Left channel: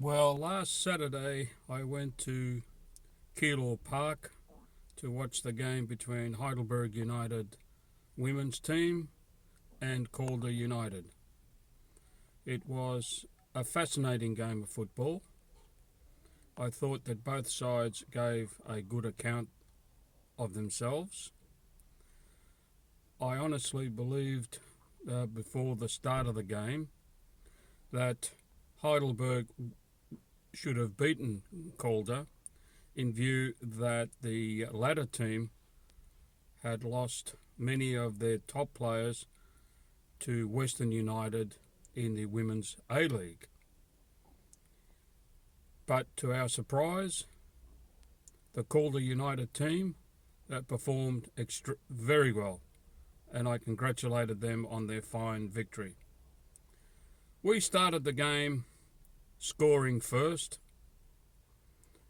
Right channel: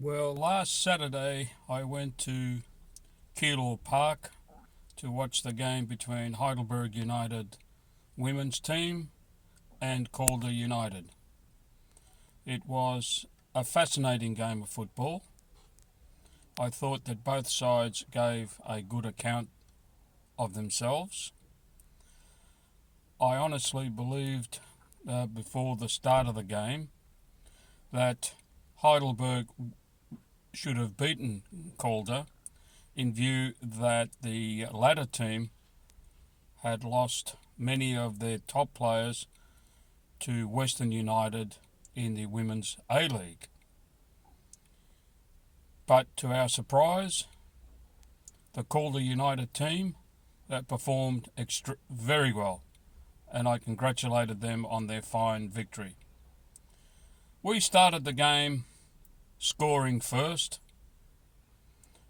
Well, last Saturday I went to Keilor Park to watch the game between Heidelberg United women's team and Calder United. It was a fascinating game of football. I thought that both sides gave a good account of themselves. I honestly believed before the start of the game that Heidelberg should have beaten Calder, in view that the latter team had lost many of their top players to Western United in the Women's A-League. But to our surprise, the Calder United team performed very well, and I congratulated them on their fine victory. We started the game scoring first,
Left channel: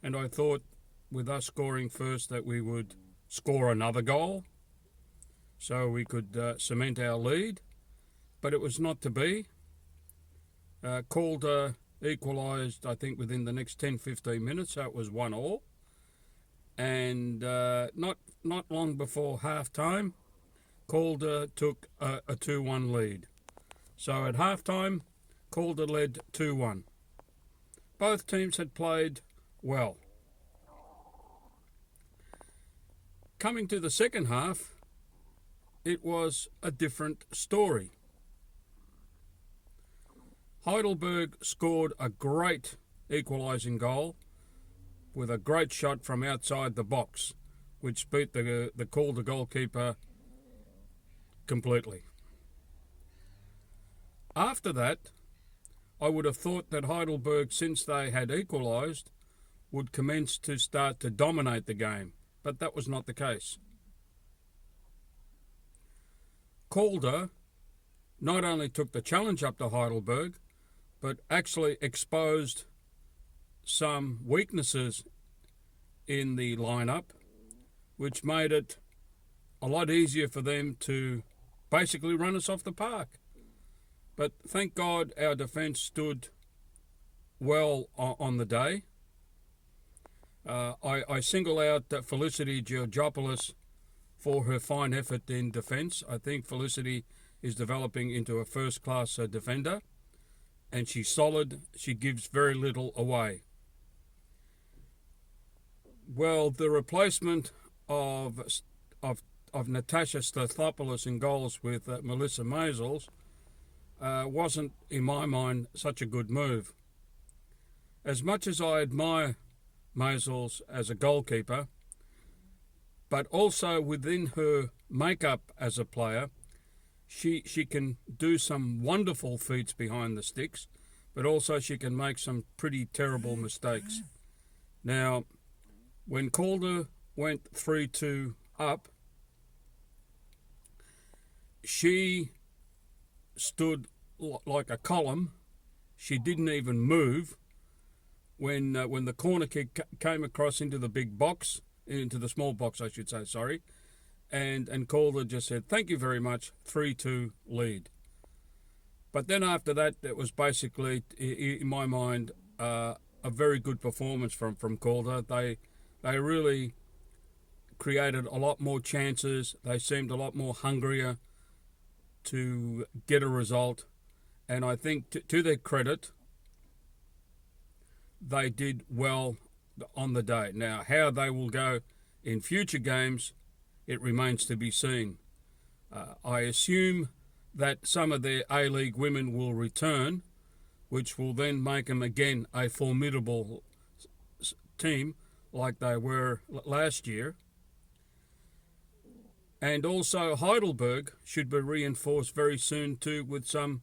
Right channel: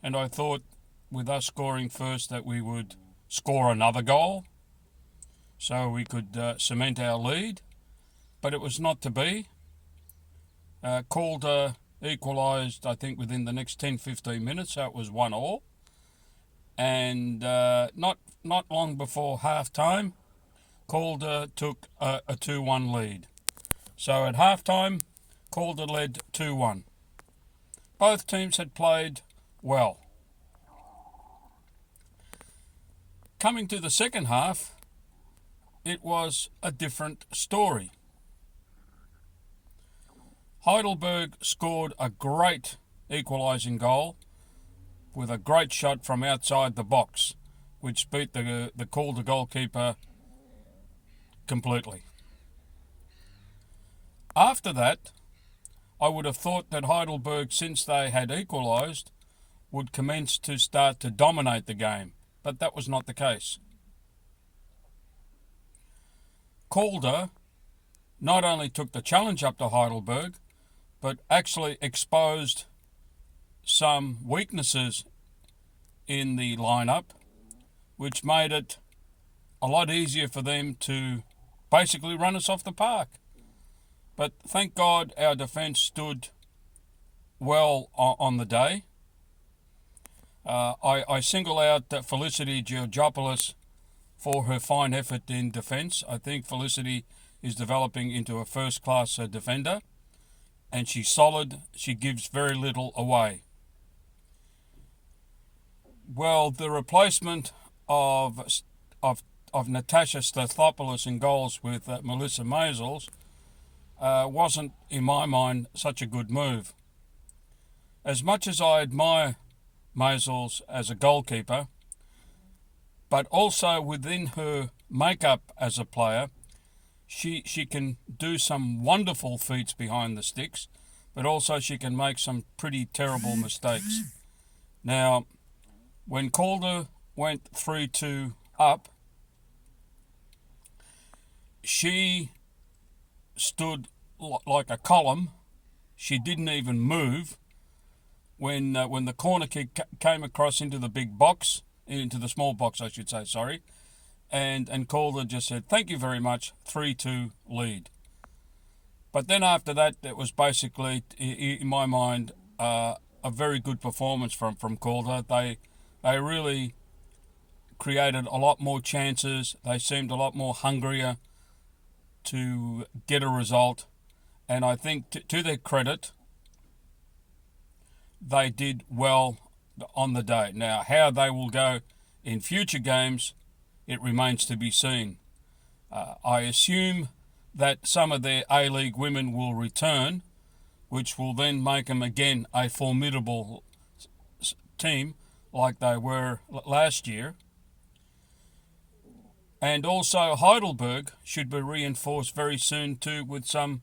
and I thought with us scoring first that we would score another goal so we could cement our lead, but it was not to be. Calder equalised, I think, within the next 10-15 minutes, so it was 1-1. And not long before half-time, Calder took a 2-1 lead. So at half-time, Calder led 2-1. Both teams had played well. Coming to the second half, it was a different story. Heidelberg scored a great equalising goal with a great shot from outside the box, which beat the Calder goalkeeper completely. After that, I would have thought that Heidelberg, since they had equalised, would commence to start to dominate the game, but that was not the case. Calder not only took the challenge up to Heidelberg, but actually exposed some weaknesses in the lineup, which made it a lot easier for them to basically run us off the park. But thank God our defence stood well on the day. I single out Felicity Georgopoulos for her fine effort in defence. I think Felicity is developing into a first-class defender, and she's solid. She gives very little away. Well, the replacement of Natasha Stathopoulos in goals with Melissa Maisels wasn't, in my mind, such a good move. As much as I admire Maisels as a goalkeeper, but also within her makeup as a player, she can do some wonderful feats behind the sticks, but also she can make some pretty terrible mistakes. Now, when Calder went 3-2 up, she stood like a column. She didn't even move when the corner kick came across into the big box, into the small box, I should say, sorry. And Calder just said, thank you very much, 3-2 lead. But then after that, it was basically, in my mind, a very good performance from Calder. They really created a lot more chances. They seemed a lot more hungrier to get a result. And I think, to their credit, they did well on the day. Now, how they will go in future games, it remains to be seen. I assume that some of their A-League women will return, which will then make them again a formidable team like they were last year. And also Heidelberg should be reinforced very soon too with some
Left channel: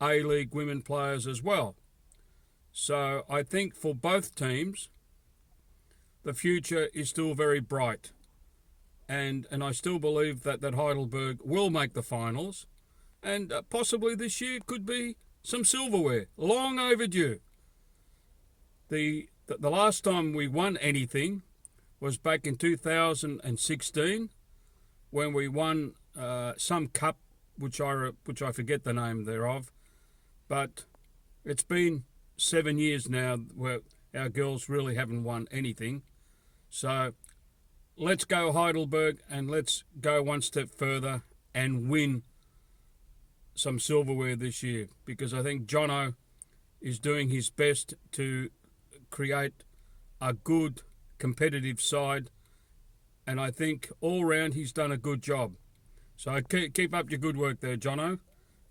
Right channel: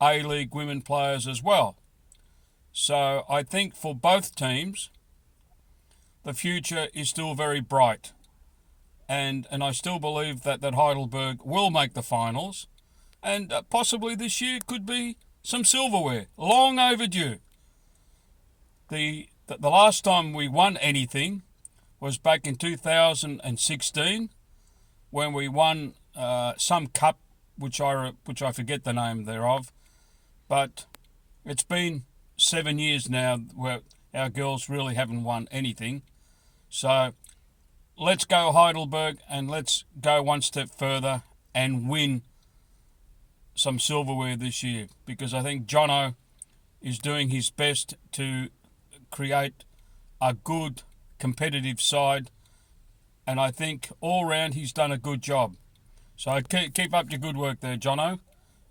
A-League women players as well. So I think for both teams, the future is still very bright. And I still believe that Heidelberg will make the finals, and possibly this year could be some silverware. Long overdue. The last time we won anything was back in 2016, when we won some cup, which I forget the name thereof, but it's been 7 years now where our girls really haven't won anything. So let's go Heidelberg, and let's go one step further and win some silverware this year, because I think Jono is doing his best to create a good competitive side, and I think all round he's done a good job. So keep up your good work there, Jono,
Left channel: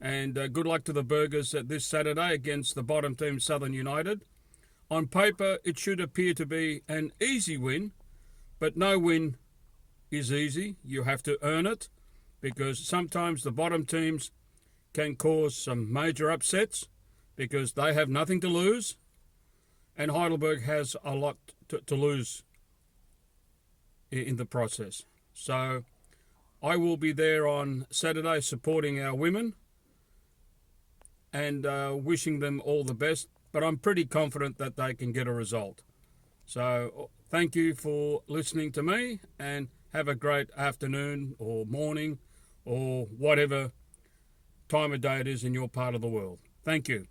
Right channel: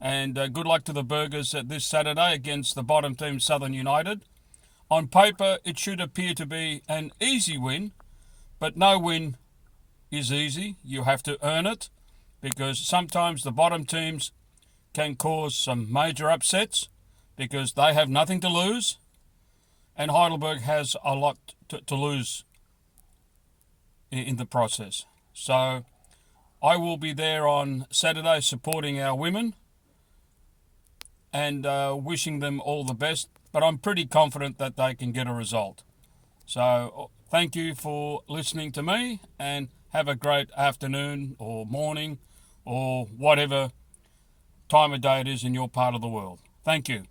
and good luck to the Burgers this Saturday against the bottom team, Southern United. On paper, it should appear to be an easy win, but no win is easy. You have to earn it, because sometimes the bottom teams can cause some major upsets because they have nothing to lose, and Heidelberg has a lot to lose in the process. So I will be there on Saturday supporting our women and wishing them all the best, but I'm pretty confident that they can get a result. So thank you for listening to me, and have a great afternoon or morning or whatever time of day it is in your part of the world. Thank you.